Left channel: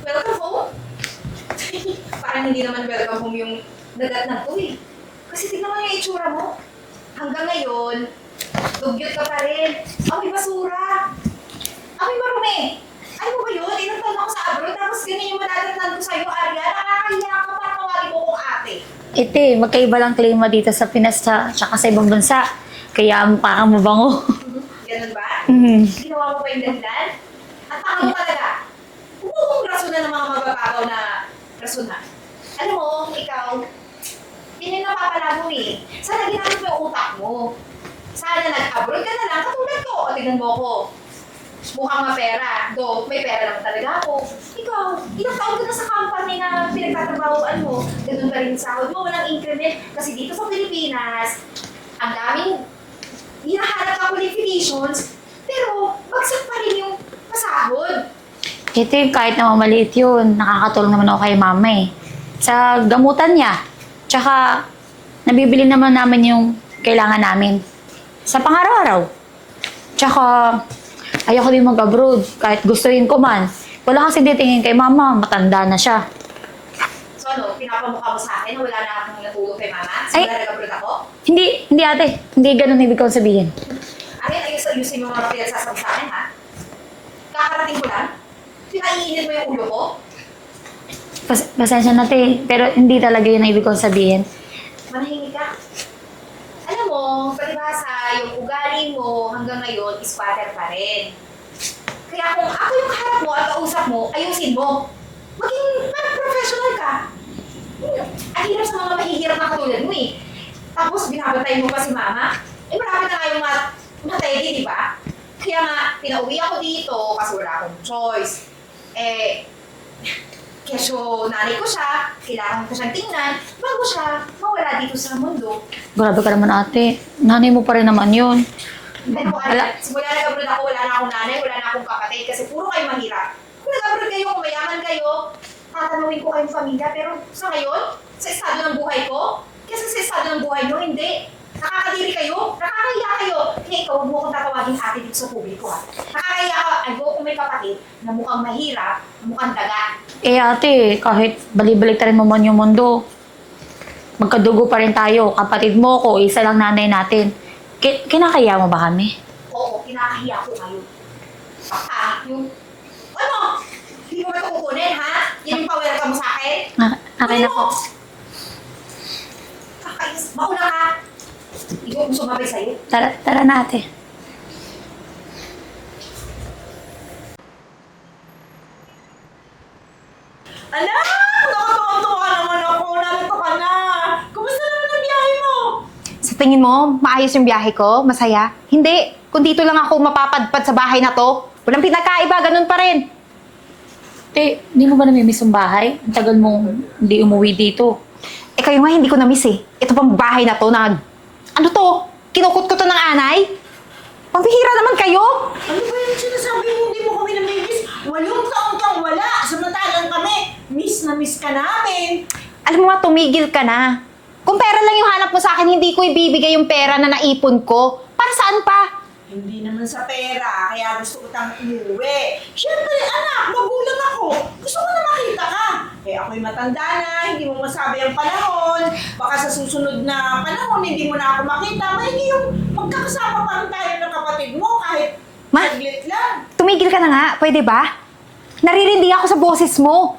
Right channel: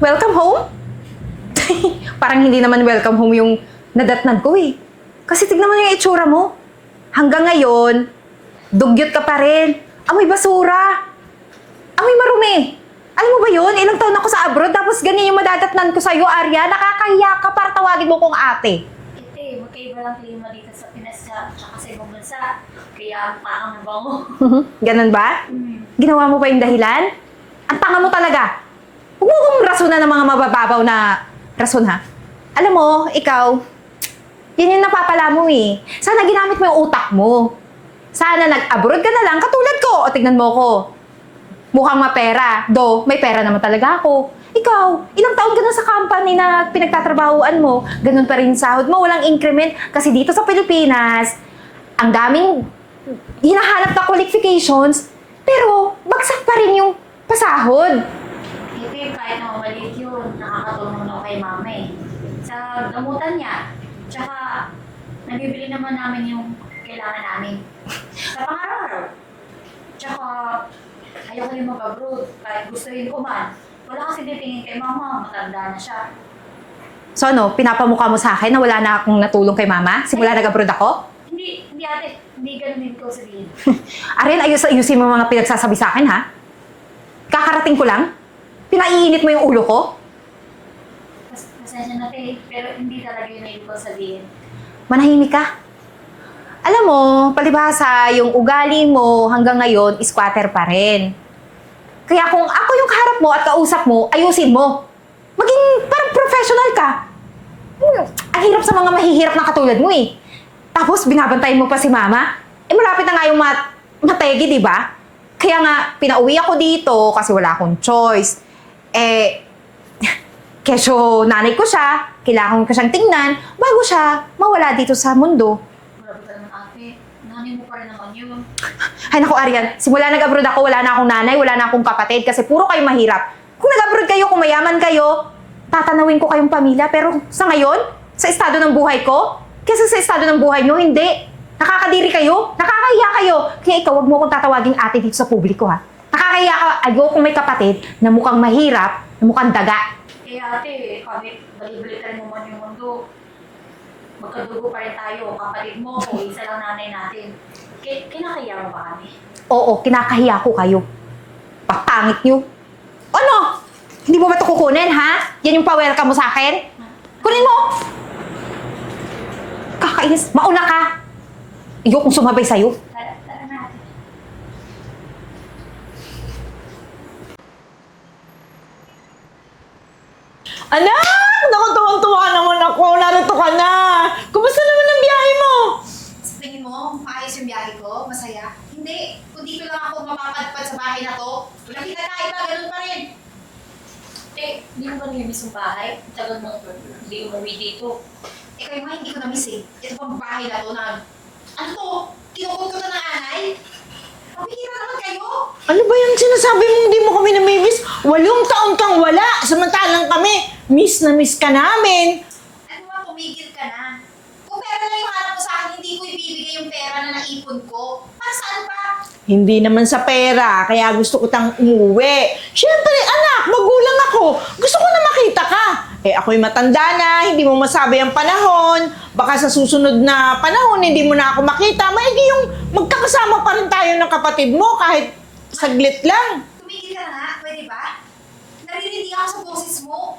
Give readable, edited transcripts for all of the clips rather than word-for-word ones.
Welcome home? Parang hindi naman welcome home yung nadatnan ko eh. Kasi tignan mo yung itsura mo. Hanggang ngayon, dugyot ka pa rin. Amoy basura. Amoy marumi. Alam mo ba yun? Ilang taon ako sa abroad, tapos ganyan yung madadatnan ko sa'yo, Arya. Nakakahiya ka para tawagin mo kong ate. Ite, magkaiba lang klima dito sa Pinas tsaka sa ibang bansa. Kaya mukha kang mabango. Ganun ba? Ginawa mo pa yung dahilan? Ang tanga mo talaga. Huwag mo kong rasunan ng mga mabababaw na rason, ha? Alam mo, ikaw, yun yung napapala mo eh. Sana ginamit mo yung utak mo. Sana nag-abroad ka na lang, katulad ko. O tignan mo ko. Mukhang mapera. Do, may pera naman talaga ako. Ikaw, ilang taon ka na sa company na pinagtatrabahuan mo. Ganun pa rin sahod mo, walang increment. Kasi dito sa Pilipinas, ang daming hinahanap na qualifications, pero bagsak pa rin yung pasahod. Ite, kahit na maliit yun, nakakatulong naman ako kay mama eh. Sa gamutan niya. Tsaka, nabibili naman namin yung kailangan namin. Sa pang-araw-araw. Tsaka, ayoko din mag-abroad kahit gustuin ko man. Wala kasi titingin kay mama, matanda na siya. So ano, pinapamukha mo sa akin na wala na akong natulong kay mama? Simula nag-abroad ako? Hindi ate. Hindi ganun ibig kong sabihin. Arin, ayusin mo mga pinagsasabi sa akin, ha? Kakarating ko lang? Pinaiinit mo yung ulo ko? Pasensya na te, pero hindi talaga yun ang ibig kong sabihin. Manahimik ka. Alam mo, palibhasa, yung ugali mo hanggang ngayon, squatter pa rin. Kaya kung ako yung kaharap mo at kausap mo, ayusin mo. Maging parang professional ka. Ang hirap sa mga mahihirap na katulad mo eh. Tapos binabantayan mo pa si mama. Eh malapit na nga yung mategi, di ba? Kaya nga, pinauwi ako dito kasi wala akong choice. Eh, kesyo nanay ko siya, kailangan ko siyang tingnan bago siya mawala dito sa mundo. Grabe ka naman ate. Nanay mo pa rin naman yun. Ay naku, Arya, simula nag-abroad ako, wala na akong nanay, wala na akong kapatid kasi puro kayo mahirap. Kung nag-abroad kayo, kung mayaman kayo, tatanawin ko kayong pamilya. Pero sa ngayon, sa estado ng buhay ko, kesa sa estado ng buhay nyo, hindi. Nakakadiri kayo, nakakahiya kayo. Kaya ikaw, wag mo akong tatawaging ate dito sa publiko, ha? Nakakahiya ka, ayokong may kapatid na mukhang mahirap, na mukhang daga. Eh ate, kahit balibalik mo man yung mundo, magkadugo pa rin tayo. Kapatid mo ko, isa lang nanay natin. Kinakaya mo ba kami? Oo, kinakahiya ko kayo. Papangit nyo. Ano? Hindi mo ba ito kukunin, ha? Yan yung pa-welcome mo sa akin? Kunin mo! Kakainis. Mauna ka! Ayokong sumabay sa'yo. Tara na ate. Anak! Naku, tuwang-tuwa naman ako. Narito ka na. Kumusta naman ang biyahe mo? Sa tingin mo, maayos yung biyahe ko? Masaya? Hindi. Kung dito lang ako mapapadpad sa bahay na to, walang pinagkaiba, ganun pa rin. Te, hindi mo ba namimiss ang bahay? Ang tagal mo hindi umuwi dito. Eh kayo nga, hindi ko na-miss eh. Ito pang bahay na to na... Ano to? Kinukot ko to ng anay? Pambihira naman kayo! Ano ba yung sinasabi mo hindi mo kami namimiss? 8 taon kang wala. Samantalang kami, miss na miss ka namin. Alam mo nga, tumigil ka na. Kung pera lang yung hanap mo sa akin, hindi ko ibibigay yung pera na naipon ko. Para saan pa? Hindi naman sa pera, kaya gusto ko tang umuwi. Siyempre, anak, magulang ako. Gusto ko na makita ka. Eh, ako'y matanda na, hindi mo masabi ang panahon. Baka sa susunod na panahon, hindi mo na ako makita. Maigi yung magkakasama pa rin tayo ng kapatid mo kahit saglit lang. Tumigil ka na nga, pwede ba? Naririndi ako sa boses mo.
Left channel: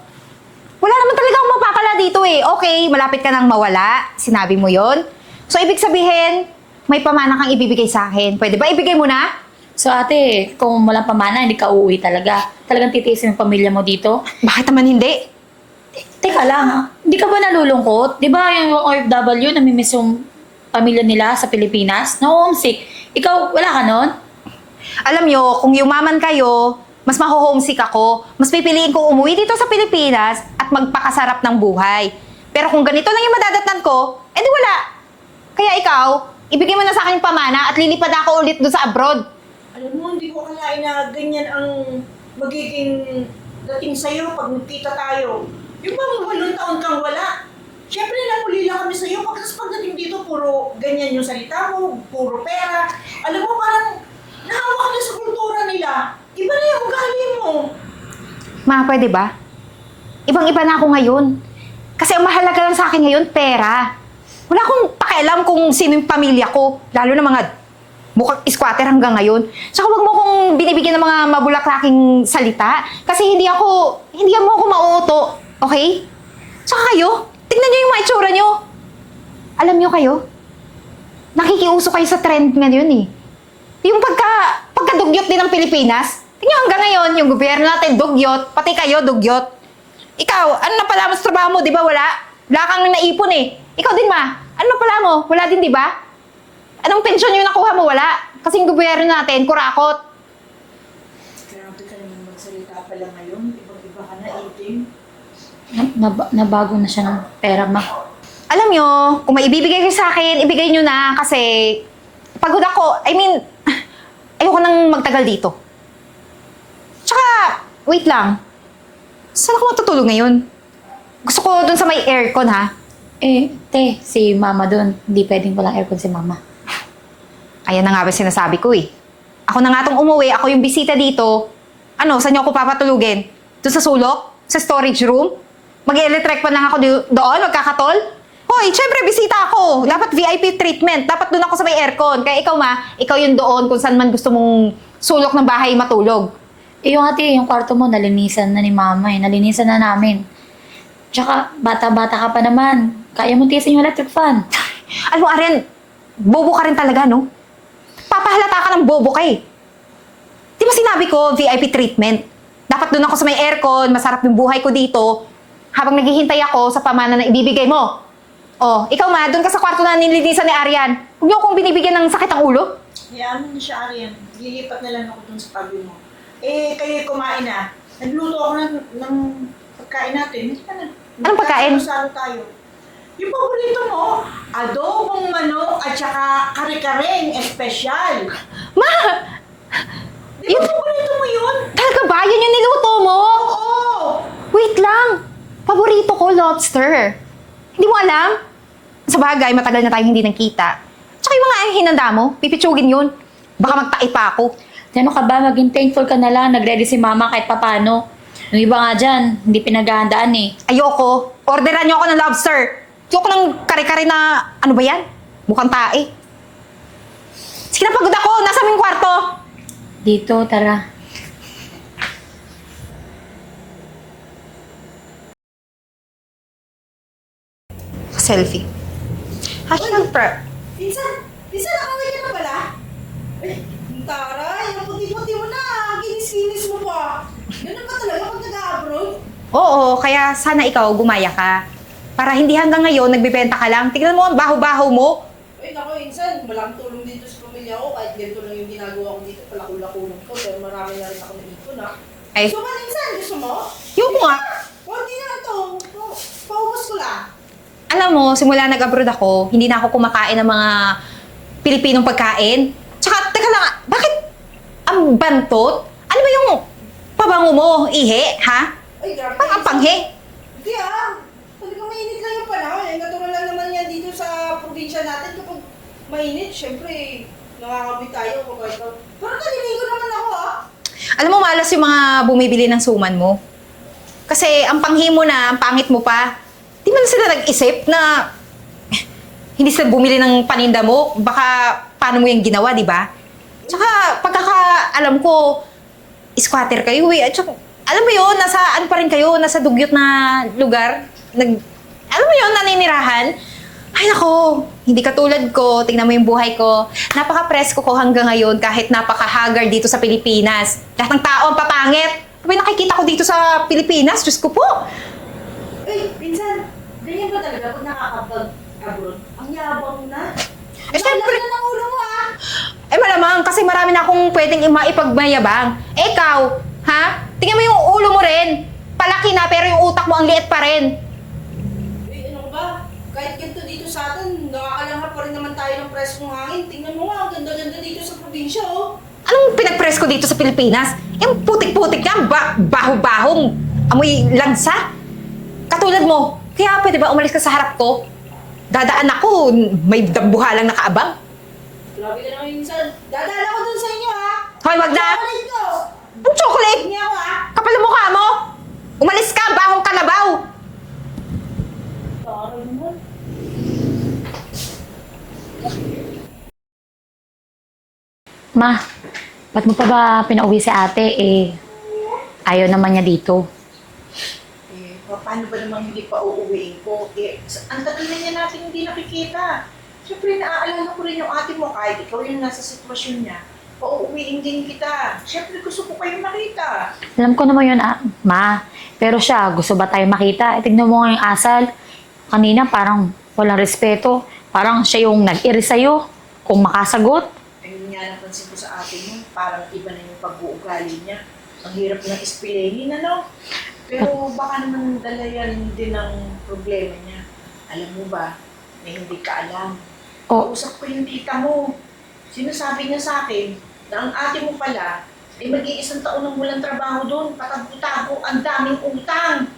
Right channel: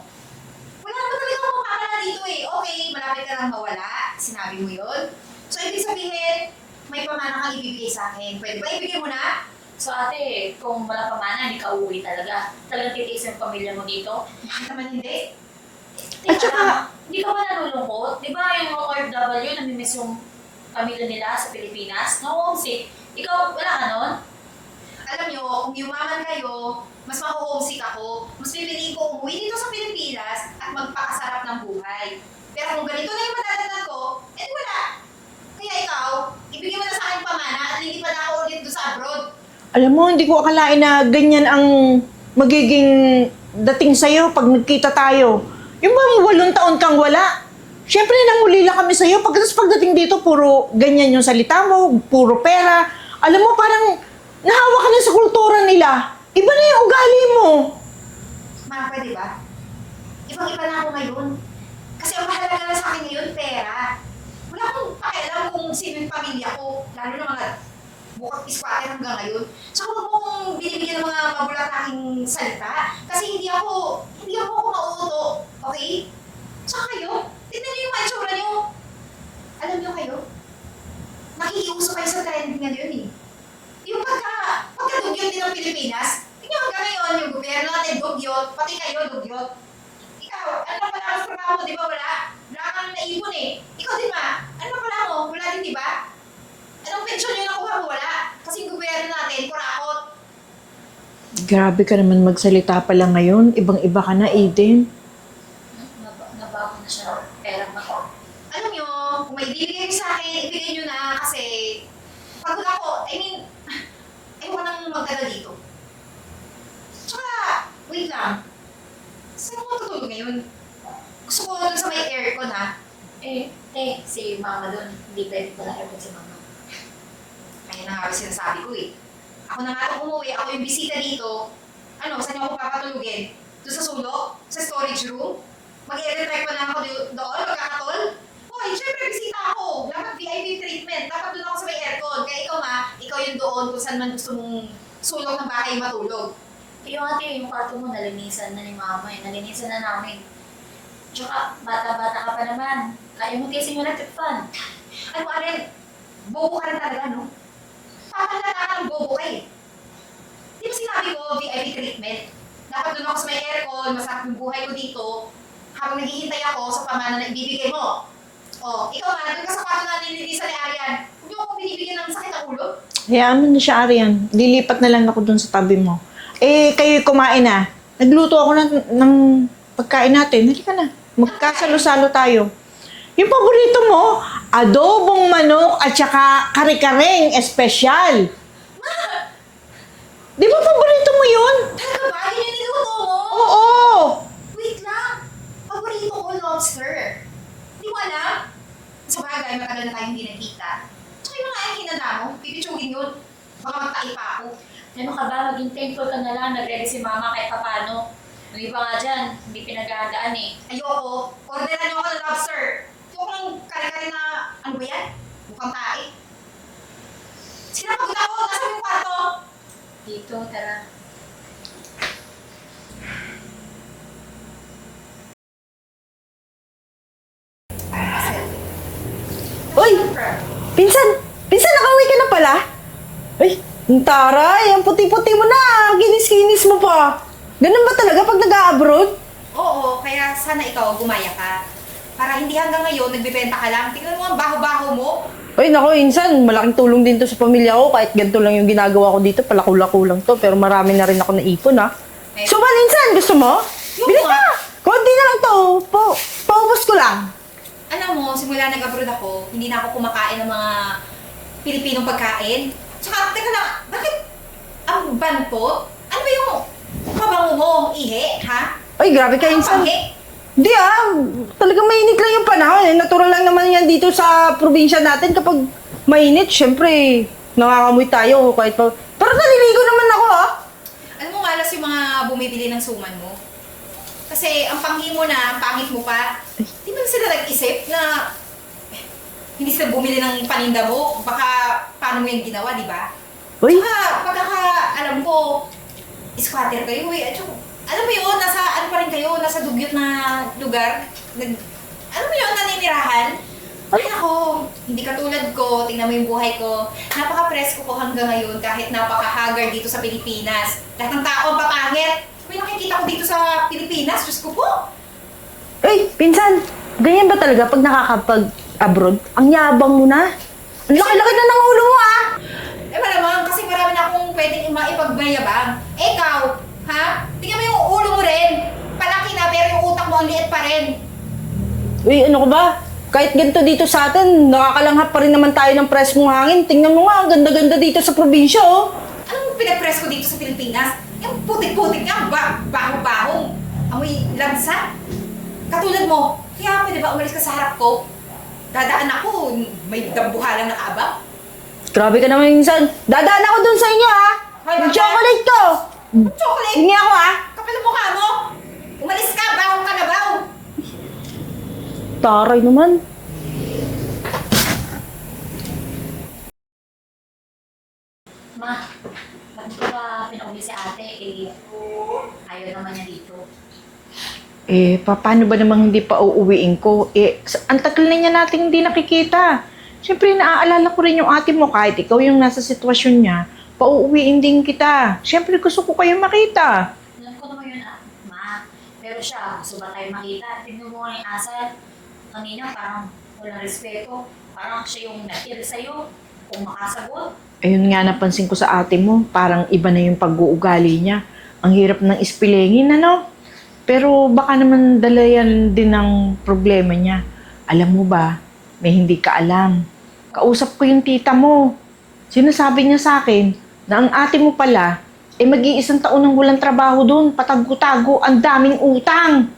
Wala naman talaga akong mapapala dito eh. Okay, malapit ka nang mawala. Sinabi mo yon. So, ibig sabihin, may pamana kang ibibigay sa akin. Pwede ba? Ibigay mo na? So ate, kung walang pamana, hindi ka uuwi talaga. Talagang titiisin yung pamilya mo dito? Bakit naman hindi? Teka lang, hindi ka ba nalulungkot? Di ba yung OFW, namimiss yung pamilya nila sa Pilipinas? Na-homesick. Ikaw, wala ka nun? Alam nyo, kung yumaman kayo, mas maho-homesick ako. Mas pipiliin ko umuwi dito sa Pilipinas at magpakasarap ng buhay. Pero kung ganito lang yung madadatnan ko, edi wala. Kaya ikaw, ibigay mo na sa akin yung pamana at lilipad ako ulit doon sa abroad. Alam mo, hindi ko akalain na ganyan ang magiging dating sa'yo pag nagkita tayo. Yung bang 8 taon kang wala? Siyempre, nanguli lang kami sa'yo. Pagdating dito, puro ganyan yung salita mo, puro pera. Alam mo, parang nahawa ka na sa kultura nila. Iba na yung ugali mo. Ma, pwede ba? Ibang-iba na ako ngayon. Kasi ang mahalaga lang sa akin ngayon, pera. Wala akong pakialam kung sino yung pamilya ko. Lalo na mga mukhang squatter hanggang ngayon. Tsaka huwag mo kong binibigyan ng mga mabulaklaking salita. Kasi hindi mo ako mauuto. Okay? Tsaka kayo, tignan nyo yung mga itsura nyo. Alam nyo kayo, nakikiuso kayo sa trend ngayon eh. Yung pagkadugyot din ng Pilipinas, tingnan hanggang ngayon, yung gobyerno natin dugyot, pati kayo dugyot. Ikaw, ano na pala mas trabaho mo, di ba wala? Wala kang naipon eh. Ikaw din ma, ano na pala mo? Wala din, di ba? Anong pensyon yung nakuha mo? Wala. Kasi yung gobyerno natin, kurakot. Grabe ka naman magsalita pala ngayon. Ibang-iba ka na, Aiden. Nabago na siya ng pera, ma. Alam nyo, kung may ibibigay kayo sa akin, ibigay nyo na kasi pagod ako. Ayoko nang magtagal dito. Tsaka, wait lang. Saan ako matutulog ngayon? Gusto ko dun sa may aircon, ha? Te, si mama dun. Hindi pwedeng walang aircon si mama. Ayan na nga ba sinasabi ko eh. Ako na nga tong umuwi, ako yung bisita dito. Ano, saan nyo ako papatulugin? Doon sa sulok? Sa storage room? Mag-electric pa lang ako doon? Magkakatol? Hoy, syempre bisita ako. Dapat VIP treatment. Dapat doon ako sa may aircon. Kaya ikaw ikaw yung doon kung saan man gusto mong sulok ng bahay matulog. Yung ate, yung kwarto mo, nalinisan na ni mama eh. Nalinisan na namin. Tsaka, bata-bata ka pa naman. Kaya mo tiyasin yung electric fan. Alam mo, Aren, bobo ka rin talaga, no? Papahalata ka ng bobo ka eh. Di ba sinabi ko, VIP treatment? Dapat doon ako sa may aircon, masarap yung buhay ko dito, habang naghihintay ako sa pamana na ibibigay mo. Oh, ikaw doon ka sa kwarto na nilinisan ni Arian. Huwag niyo akong binibigyan ng sakit ang ulo. Hayaan mo na siya, Arian. Lilipat na lang ako dun sa tabi mo. Kayo kumain na. Nagluto ako ng pagkain natin. Halika na. Anong pagkain? Magkasalo-salo tayo. Yung paborito mo, adobong manok at saka kare-kareng espesyal. Ma! Di ba paborito mo yun? Talaga ba? Yun yung niluto mo? Oo! Wait lang. Paborito ko, lobster. Hindi mo alam? Sa bagay, matagal na tayo hindi nagkita. Tsaka yung mga hinanda mo, pipitsugin yun. Baka magtai pa ako. Ano ka ba? Maging thankful ka na lang. Nag-ready si mama kahit papano. Yung iba nga dyan, hindi pinaghahandaan eh. Ayoko. Orderan niyo ako ng lobster. Ayoko ng kare-kare na, ano ba yan? Mukhang tae. Sige na, pagod ako. Nasa aming kwarto. Dito, tara. Selfie. Uy! Pinsan! Pinsan, nakauwi ka na pala? Ay, ang taray! Ang puti-puti mo na! Ginis-ginis mo pa! Ganun ba talaga pag nag-a-abroad? Oo, kaya sana ikaw gumaya ka. Para hindi hanggang ngayon nagbebenta ka lang. Tignan mo ang baho-baho mo. Ay, nako, insan, malaking tulong din to sa pamilya ko. Kahit ganito lang yung ginagawa ko dito, palakula-ko lang to. Pero marami na rin ako naipon, ha? Ay, So, man, insan, gusto mo? Yung Bili nga. ka! Konti na lang to. Paubos ko lang. alam mo, simula nag-abroad ako, hindi na ako kumakain ng mga Pilipinong pagkain. Tsaka, teka lang, bakit ang bantot? Ano ba yung pabango mo, ihi, ha? Ay, grabe ka, Ang insan. panghi. Di talagang mainit lang yung panahon. Eh. Natural lang naman yan dito sa probinsya natin. Kapag mainit, syempre, nakakamoy tayo. Kahit pa. Pero naliligo naman ako, ha? Alam mo, malas yung mga bumibili ng suman mo. Kasi ang panghi mo na, ang pangit mo pa. Di man sila nag-isip na hindi sila bumili ng paninda mo. Baka paano mo yung ginawa, di ba? Uy. Tsaka, pagkakaalam ko, squatter kayo eh. At saka, alam mo yun, nasa ano pa rin kayo, nasa dugyot na lugar. Alam mo yun, naninirahan. Ay nako, hindi katulad ko, tingnan mo yung buhay ko. Napaka-presko ko hanggang ngayon kahit napaka-haggard dito sa Pilipinas. Lahat ng tao ang papangit. Sabi nakikita ko dito sa Pilipinas, Diyos ko po. Ay, pinsan, ganyan ba talaga pag nakakapag-abroad? Ang yabang mo na. Ang laki-laki na ng ulo mo, ah! Eh malamang, kasi marami na akong pwedeng maipagmayabang. Eh ikaw, ha? Tingnan mo yung ulo mo rin. Palaki na pero yung utak mo ang liit pa rin. Uy, ano ko ba? Kahit ganito dito sa atin, nakakalanghap pa rin naman tayo ng preskong hangin. Tingnan mo nga, ang ganda-ganda dito sa probinsya, oh. Anong pinag-press ko dito sa Pilipinas? Yung putik-putik yan, baho-bahong, amoy lansa. Katulad mo, kaya pwede ba umalis ka sa harap ko? Dadaan ako, may dambuhalang nakaabang. Grabe ka naman minsan. Dadaan ako dun sa inyo, ha? Hoy, wag na. Chocolate ko! Ang chocolate niya ako ha? Kapal ang mukha mo! Umalis ka, bahong ka na ba? Taray naman. Ma, ba't mo pa ba pinauwi si ate? Ayaw naman niya dito. Paano ba namang hindi pa uuwiin ko? Ang tagal na niya nating hindi nakikita. Siyempre, naaalala ko rin yung ate mo kahit ikaw yung nasa sitwasyon niya. Pauuwiin din kita. Siyempre, gusto ko kayo makita. Alam ko naman yun, Ma. Pero siya, gusto ba tayo makita? Tignan mo nga yung asal. Kanina parang walang respeto. Parang siya yung nag-iri sa'yo. Kung makasagot. Ayun nga, napansin ko sa ate mo. Parang iba na yung pag-uugali niya. Ang hirap ng ispilengin, ano? Pero baka naman dala yan din ang problema niya. Alam mo ba, may hindi ka alam. Kausap ko yung tita mo. Sinasabi niya sa akin na ang ate mo pala, mag-iisang taon nang walang trabaho doon, patago-tago, ang daming utang.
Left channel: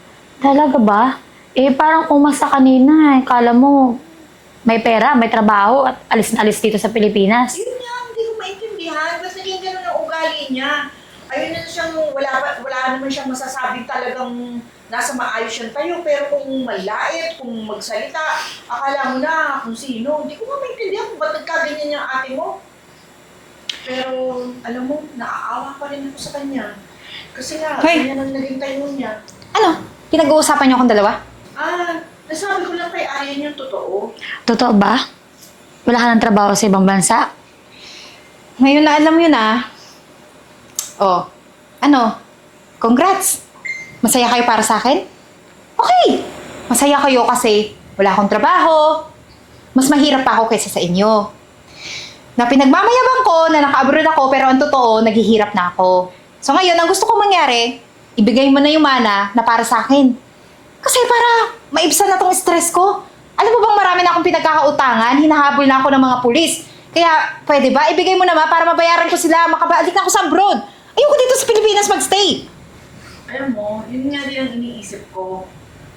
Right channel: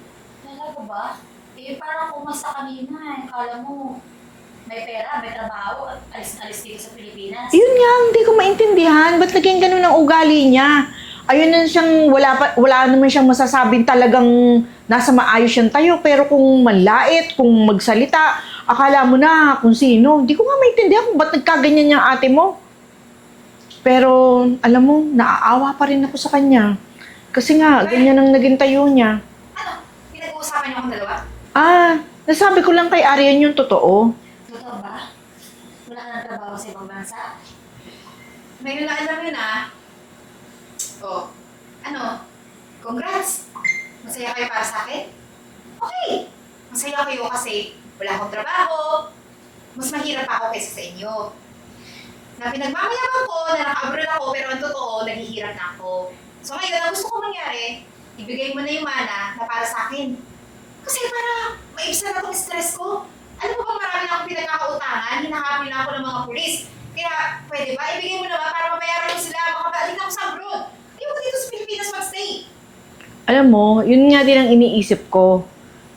Talaga ba? Parang umasa kanina. Kala mo, may pera, may trabaho, at alis na alis dito sa Pilipinas. Yun nga, hindi ko maintindihan. Ba't naging ganun ang ugali niya? Ayun na siyang, wala naman siyang masasabing talagang nasa maayos siyang tayo. Pero kung manlait, kung magsalita, akala mo na kung sino. Hindi ko nga maintindihan kung ba't nagkaganyan yung ate mo. Pero, alam mo, naaawa pa rin ako sa kanya. Kasi nga, Hoy! ganyan ang naging tayo niya. Ano? Pinag-uusapan niyo akong dalawa? Nasabi ko lang kay Arian yung totoo. Totoo ba? Wala ka ng trabaho sa ibang bansa? Ngayon na alam mo yun Oh, ano? Congrats! Masaya kayo para sa akin? Okay! Masaya kayo kasi wala akong trabaho. Mas mahirap pa ako kaysa sa inyo. Na pinagmamayabang ko na naka-abroad ako pero ang totoo, naghihirap na ako. So ngayon, ang gusto ko mangyari, ibigay mo na yung mana na para sa akin. Kasi para maibsan na tong stress ko. Alam mo bang marami na akong pinagkakautangan, hinahabol na ako ng mga pulis. Kaya pwede ba, ibigay mo naman para mabayaran ko sila, makabalik na ako sa abroad. Ayoko dito sa Pilipinas magstay. Alam mo, yun nga din ang iniisip ko.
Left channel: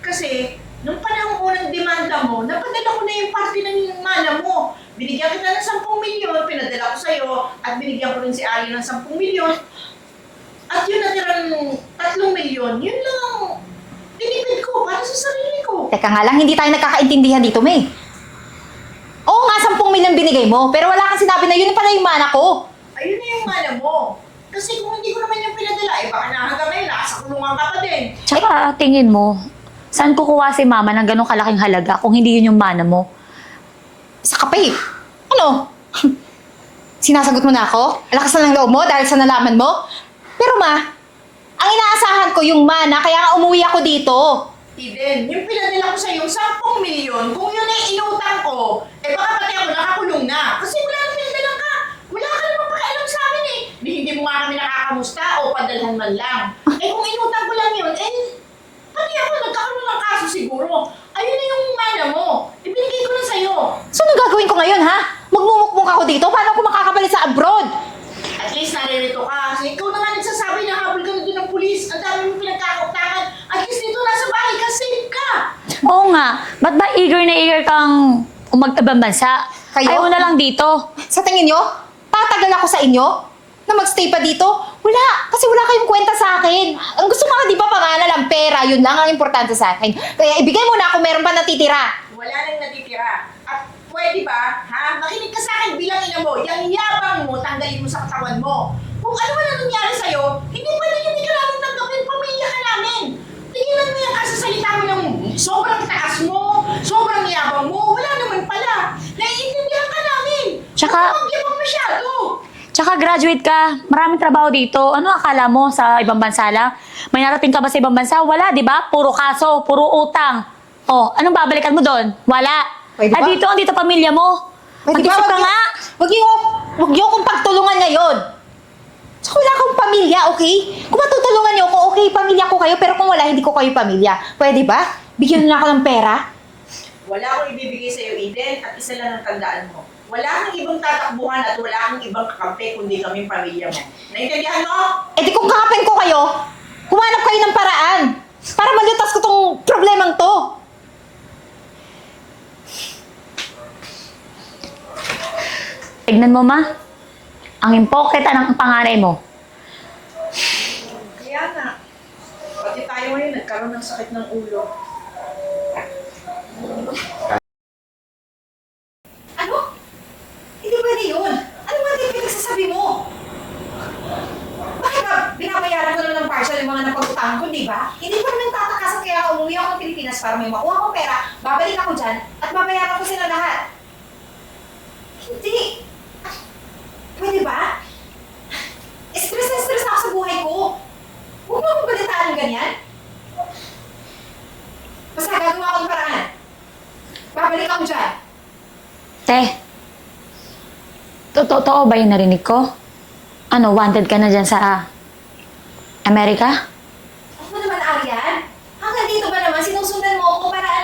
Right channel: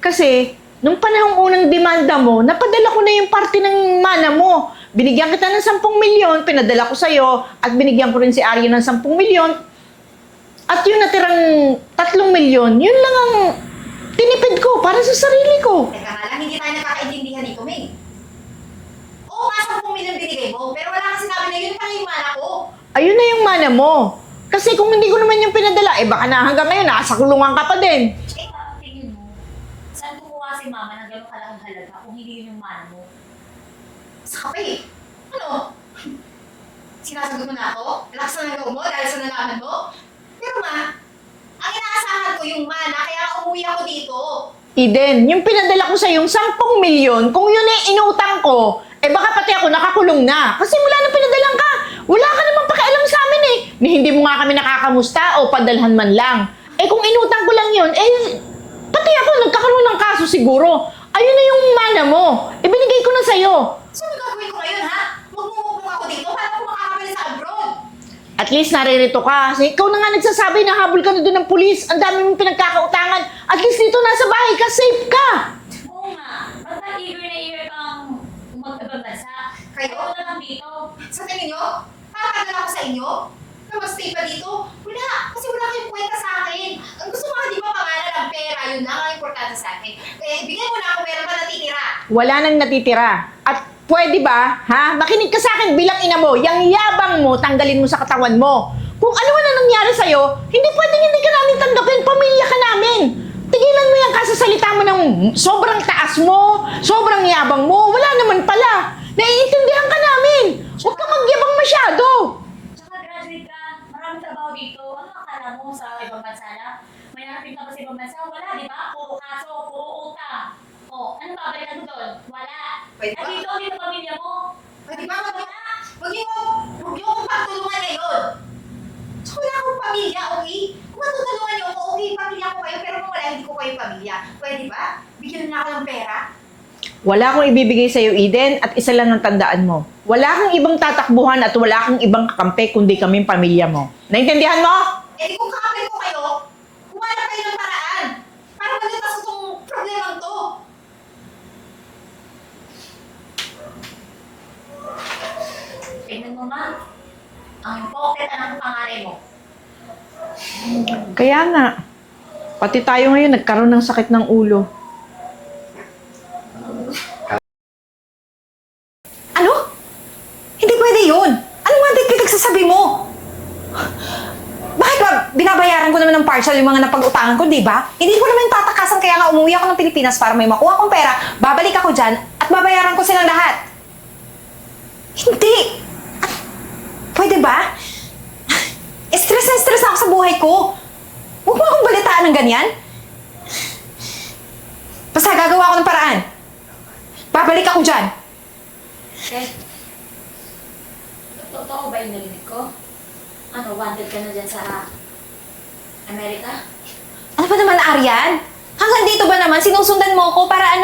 Kasi, nung panahong unang demanda mo, napadala ko na yung parte ng mana mo. Binigyan kita ng 10 milyon, pinadala ko sa'yo, at binigyan ko rin si Arya ng 10 milyon. At yung natirang 3 milyon, yun lang ang tinipid ko para sa sarili ko. Teka nga lang, hindi tayo nagkakaintindihan dito, May. Oo nga, 10 milyon binigay mo, pero wala kang sinabi na yun pala yung mana ko. Ayun na yung mana mo. Kasi kung hindi ko naman yung pinadala, baka na hanggang ngayon, nasa kulungan ka pa din. Tsaka tingin mo, saan kukuha si mama ng ganong kalaking halaga kung hindi yun yung mana mo? Sa kape. Ano? Sinasagot mo na ako? Lakas na ng loob mo dahil sa nalaman mo? Pero ma, ang inaasahan ko yung mana, kaya nga umuwi ako dito. Eden, yung pinadala ko sa yung 10 milyon, kung yun ay inutang ko, baka pati ako nakakulong na. Kasi wala na pinadalang ka. Wala ka namang pakialam sa amin Ni hindi mo nga kami nakakamusta o padalhan man lang. Kung inutang ko lang yun, pati ako nagkakaroon ng kaso siguro. Ayun na yung mana mo. Binigay ko na sa'yo. So, anong gagawin ko ngayon, ha? Magmumukmuk ako dito? Paano ako makakabalik sa abroad? At least naririto ka. Kasi ikaw na nga nagsasabi na habol ka na doon ng pulis. Ang dami mong pinagkakautangan. At least dito nasa bahay ka, safe ka. Oo nga. Ba't ba eager na eager kang umag-ibang bansa? Kayo? Ayaw mo na lang dito. Sa tingin nyo, tatagal ako sa inyo? Na magstay pa dito? Wala. Kasi wala kayong kwenta sa akin. Ang gusto mo nga, di ba, pangalan lang pera. Yun lang ang importante sa akin. Kaya ibigay mo na kung meron pa natitira. Wala nang natitira. At pwede ba, makinig ka sa akin bilang ina mo. Yang yabang mo, tanggalin mo sa katawan mo. Kung ano man ang nangyari sa'yo, hindi pwedeng hindi ka namin tanggapin. Pamilya ka namin. Tigilan mo yung kasasalita mo ng sobrang taas mo, sobrang yabang mo. Wala naman pala. Naiintindihan ka namin. Tsaka- Huwag ka magyabang masyado. Tsaka graduate ka, maraming trabaho dito. Ano akala mo sa ibang bansa lang? May narating ka ba sa ibang bansa? Wala, di ba? Puro kaso, puro utang. Oh, anong babalikan mo doon? Wala. Pwede ba? Dito pamilya mo. Pwede Mag-isip ka nga. Huwag niyo akong pagtulungan ngayon. Tsaka wala akong pamilya, okay? Kung matutulungan niyo ako, okay, pamilya ko kayo. Pero kung wala, hindi ko kayo pamilya. Pwede ba? Bigyan niyo na ako ng pera. Wala akong ibibigay sa'yo, Eden, at isa lang ang tandaan mo. Wala kang ibang tatakbuhan at wala kang ibang kakampi kundi kaming pamilya mo. Naintindihan mo? Eh di kung kakapin ko kayo, humanap kayo ng paraan para malutas ko tong problemang to. Tignan mo, ma. Ang impoketa ng panganay mo. Kaya nga, pati tayo ngayon nagkaroon ng sakit ng ulo. yung mga napag-utangan ko, di ba? Hindi ko naman tatakasan kaya nga umuwi ako ng Pilipinas para may makuha akong pera, babalik ako dyan, at babayaran ko silang lahat. Hindi! Pwede ba? Stress na stress ako sa buhay ko. Huwag mo akong balitaan ng ganyan. Basta gagawa ko ng paraan. Babalik ako dyan. Te, totoo ba yung narinig ko? Ano, wanted ka na dyan sa Amerika? Ano ba naman, Aryan? Hanggang dito ba naman sinusundan mo ko para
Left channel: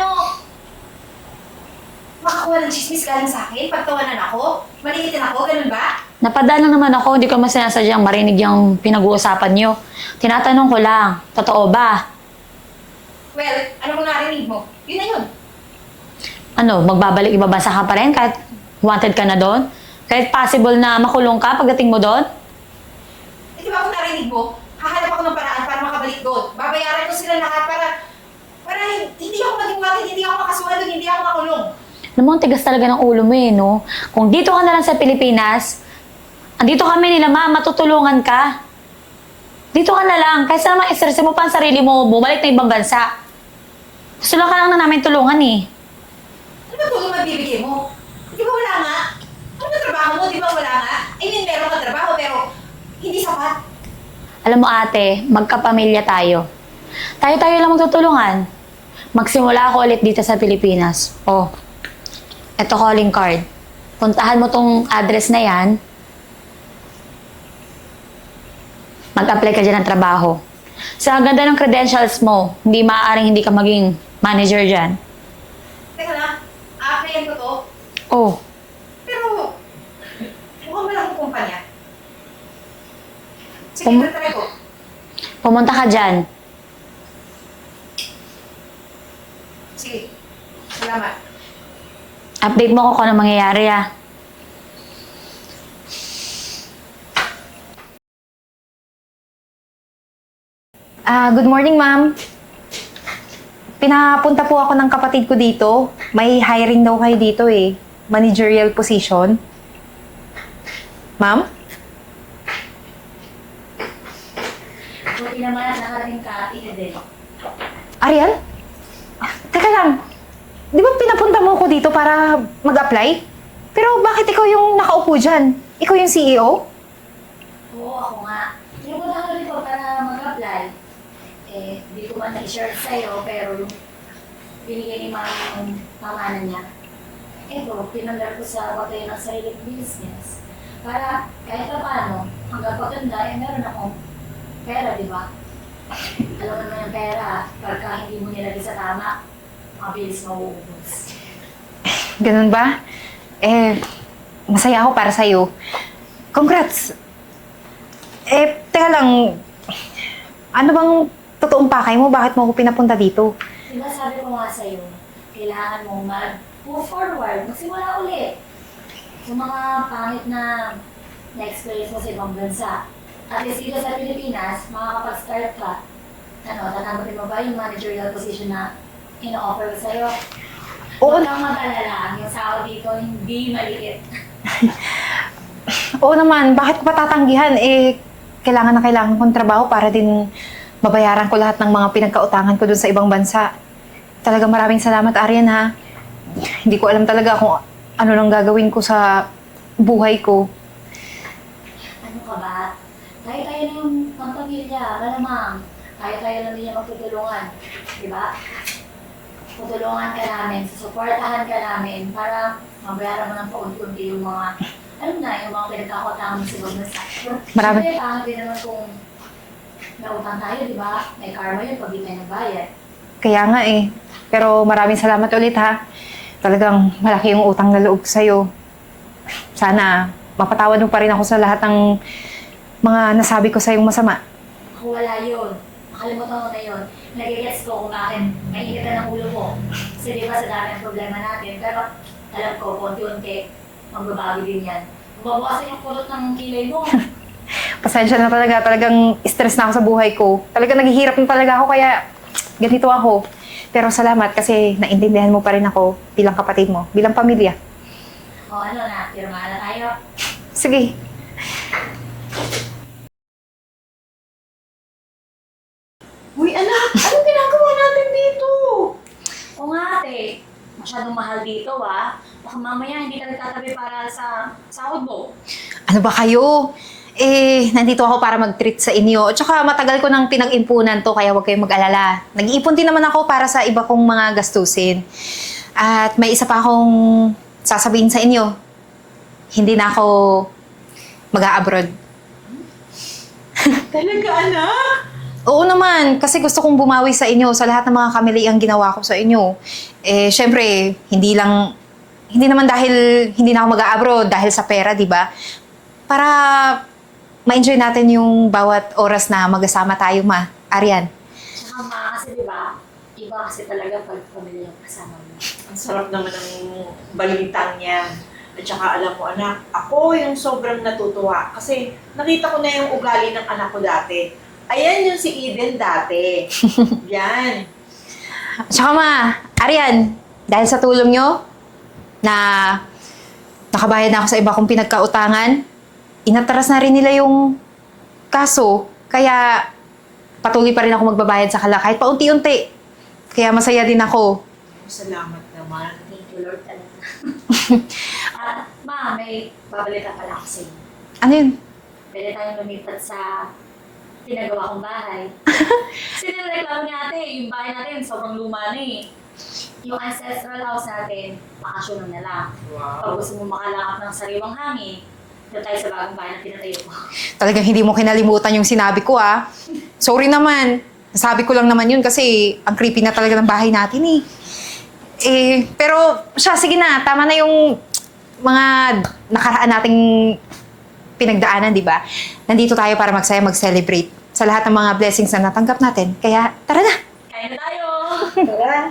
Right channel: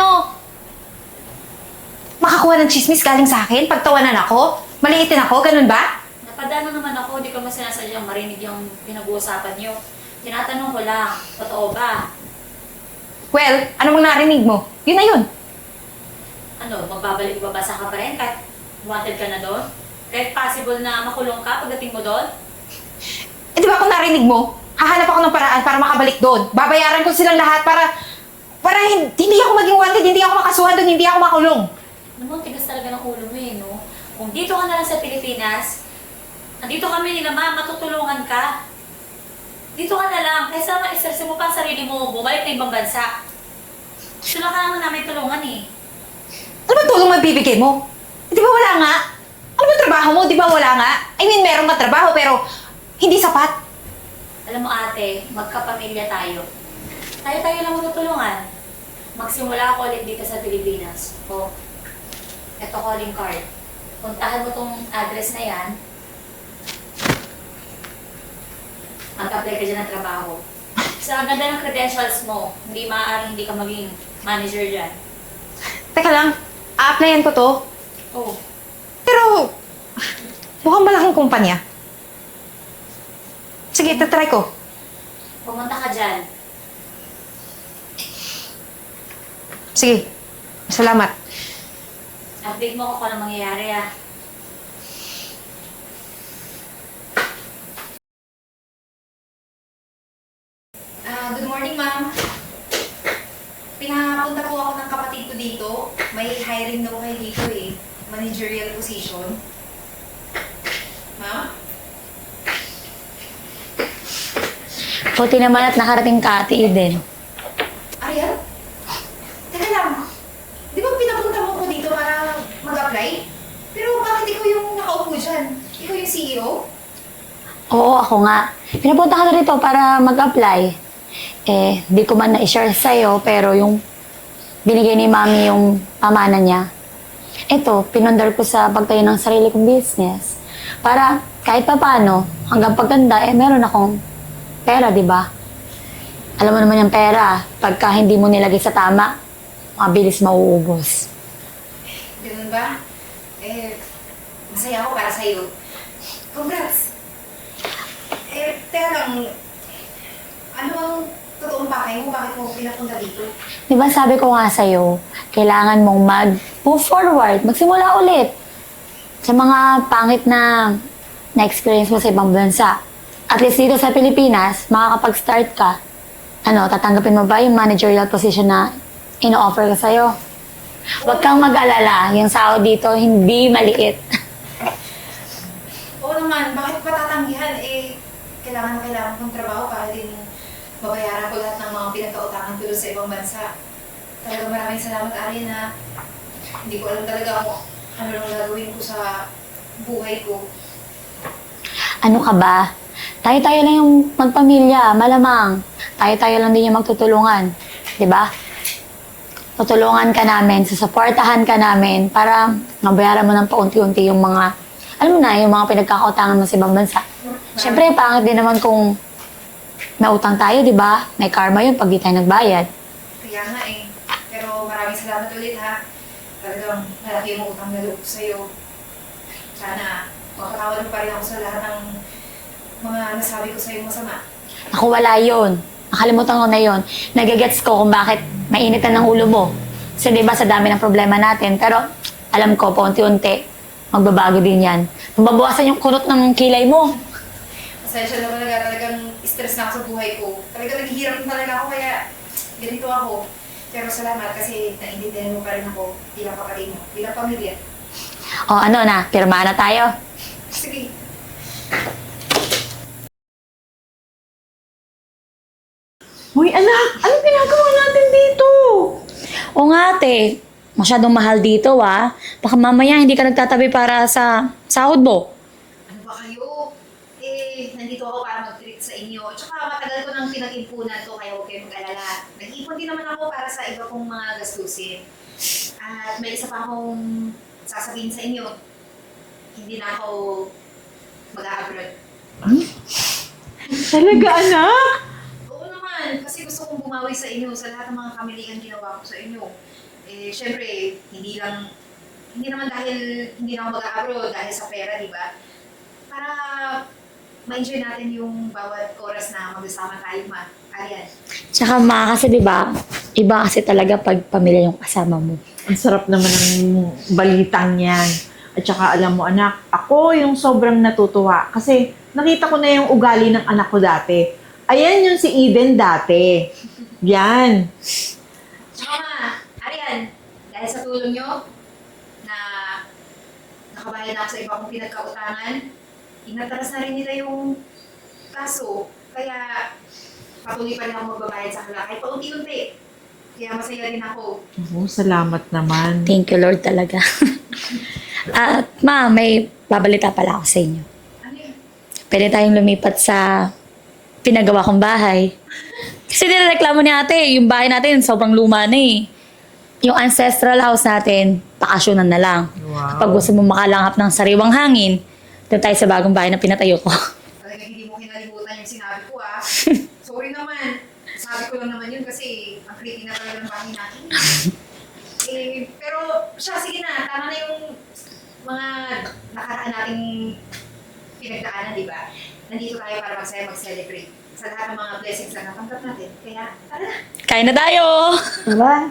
makakuha ng chismis galing sa akin? Pagtawanan ako? Maliitin ako? Ganun ba? Napadaan lang naman ako, hindi ko mas sinasadyang marinig yung pinag-uusapan nyo. Tinatanong ko lang, totoo ba? Well, ano bang narinig mo? Yun na yun. Ano, magbabalik ibabasa ka pa rin kahit wanted ka na doon? Kahit possible na makulong ka pagdating mo doon? Eh di ba kung narinig mo, hahanap ako ng paraan para makabalik doon. Babayaran ko silang lahat para hindi ako maging wanted, hindi ako makasuhan doon, hindi ako makulong. Alam mo, ang tigas talaga ng ulo mo no? Kung dito ka na lang sa Pilipinas, andito kami nila ma, matutulungan ka. Dito ka na lang, kaysa naman stress mo pa ang sarili mo, bumalik na ibang bansa. Gusto lang ka lang na namin tulungan Ano ba tulong mabibigay mo? Di ba wala nga? Ano ba trabaho mo? Di ba wala nga? I mean, meron ka trabaho pero hindi sapat. Alam mo ate, magkapamilya tayo. Tayo-tayo lang magtutulungan. Magsimula ako ulit dito sa Pilipinas. Oh, eto calling card. Puntahan mo tong address na yan. Mag-apply ka dyan ng trabaho. Sa ganda ng credentials mo, hindi maaaring hindi ka maging manager dyan. Teka lang, a-applyan ko to. Oh, Pero, mukhang malaking kumpanya. Sige, tatry ko. pumunta ka dyan. Sige, salamat. Update mo ko kung ano mangyayari Good morning, ma'am. Pinapunta po ako ng kapatid ko dito. May hiring daw kayo dito eh. Managerial position. Ma'am? Buti naman at nakarating ka, Ate Eden. Ariel? Teka lang. Di ba pinapunta mo ako dito para mag-apply? Pero bakit ikaw yung nakaupo dyan? Ikaw yung CEO? Oo, ako nga. Pinapunta ka na rito para mag-apply. Di ko man na-share sa'yo, pero yung binigay ni Mami yung pamana niya. Ito, pinundar ko sa pagtayo ng sarili kong business. Para kahit pa paano, hanggang pagtanda, meron akong pera, di ba? Alam mo naman yung pera, pagka hindi mo nilagay sa tama, mabilis mauubos. Ganun ba? Masaya ako para sa'yo. Congrats! Teka lang, ano bang totoong pakay mo? Bakit mo ako pinapunta dito? Di ba sabi ko nga sa'yo, kailangan mong mag-move forward, magsimula ulit. Sa mga pangit na na-experience mo sa ibang bansa. At least dito sa Pilipinas, makakapag-start ka. Tatanggapin mo ba yung managerial position na ino-offer ko sa'yo? Huwag kang mag-alala, yung sahod dito hindi maliit. Oo naman, bakit pa tatanggihan? Kailangan na kailangan kong trabaho para din mabayaran ko lahat ng mga pinagkautangan ko dun sa ibang bansa. Talagang maraming salamat, Aryan, ha? Hindi ko alam talaga kung ano lang gagawin ko sa buhay ko. Ano ka ba? Tayo-tayo lang yung magpamilya, malamang. Tayo-tayo lang din yung magtutulungan. Di ba? Tutulungan ka namin, susuportahan ka namin para mabayaran mo ng paunti-unti yung mga, alam mo na, yung mga pinagkakautangan mo sa ibang bansa. Siyempre, pangit din naman kung may utang tayo, di ba? May karma yun pag di tayo nagbayad. Kaya nga Pero maraming salamat ulit, ha? Talagang malaki yung utang na loob sa'yo. Sana mapatawad mo pa rin ako sa lahat ng mga nasabi ko sa'yong masama. Ako wala yun. Nakalimutan ko na yun. Nagigets ko kung bakit mainitan ng ulo mo. Kasi di ba sa dami ng problema natin. Pero alam ko, paunti-unti, magbabago din yan. Mababawasan yung kurot ng kilay mo. Pasensya na talaga. Talagang stress na ako sa buhay ko. Talagang naghihirap na talaga ako kaya ganito ako. Pero salamat kasi naintindihan mo pa rin ako bilang kapatid mo, bilang pamilya. O ano na, pirma na tayo. Sige. Hoy anak, anong ginagawa natin dito? O nga ate, masyadong mahal dito Baka mamaya hindi ka nagtatabi para sa sahod mo. Ano ba kayo? Nandito ako para mag-treat sa inyo. Tsaka matagal ko nang pinag-impunan to, kaya huwag kayong mag-alala. Nag-iipon din naman ako para sa iba kong mga gastusin. At may isa pa akong sasabihin sa inyo. Hindi na ako mag-a-abroad. Talaga anak? Oo naman, kasi gusto kong bumawi sa inyo sa lahat ng mga kamaliang ginawa ko sa inyo. Syempre, hindi naman dahil hindi na ako mag-a-abroad dahil sa pera, di ba? Para ma-enjoy natin yung bawat oras na magkasama tayo, ma. Arian. Tsaka kasi diba, iba kasi talaga pag pamilya yung kasama mo. Ang sarap naman ng balitang yan. At saka alam mo anak, ako yung sobrang natutuwa kasi nakita ko na yung ugali ng anak ko dati. Ayan yung si Eden dati. Yan. Tsaka ma, Arian, dahil sa tulong nyo na nakabayad na ako sa iba kong pinagkautangan, inatras na rin nila yung kaso. Kaya patuloy pa rin ako magbabayad sa kala kahit paunti-unti. Kaya masaya din ako. Salamat naman. Thank you Lord talaga. At ma, may babalita pala ako sa inyo. Ano yun? Pwede tayong lumipat sa pinagawa kong bahay. Kasi nireklamo ni ate, yung bahay natin sobrang luma na eh. Yung ancestral house natin, bakasyonan na lang. Wow. Kapag gusto mo makalanghap ng sariwang hangin, doon tayo sa bagong bahay na pinatayo ko. Talagang hindi mo kinalimutan yung sinabi ko, ah. Sorry naman. Sabi ko lang naman yun kasi ang creepy na talaga ng bahay natin, pero siya, sige na. Tama na yung mga nakaraan nating pinagdaanan, di ba? Nandito tayo para magsaya, mag-celebrate sa lahat ng mga blessings na natanggap natin. Kaya, tara na! Kain na tayo! Tara!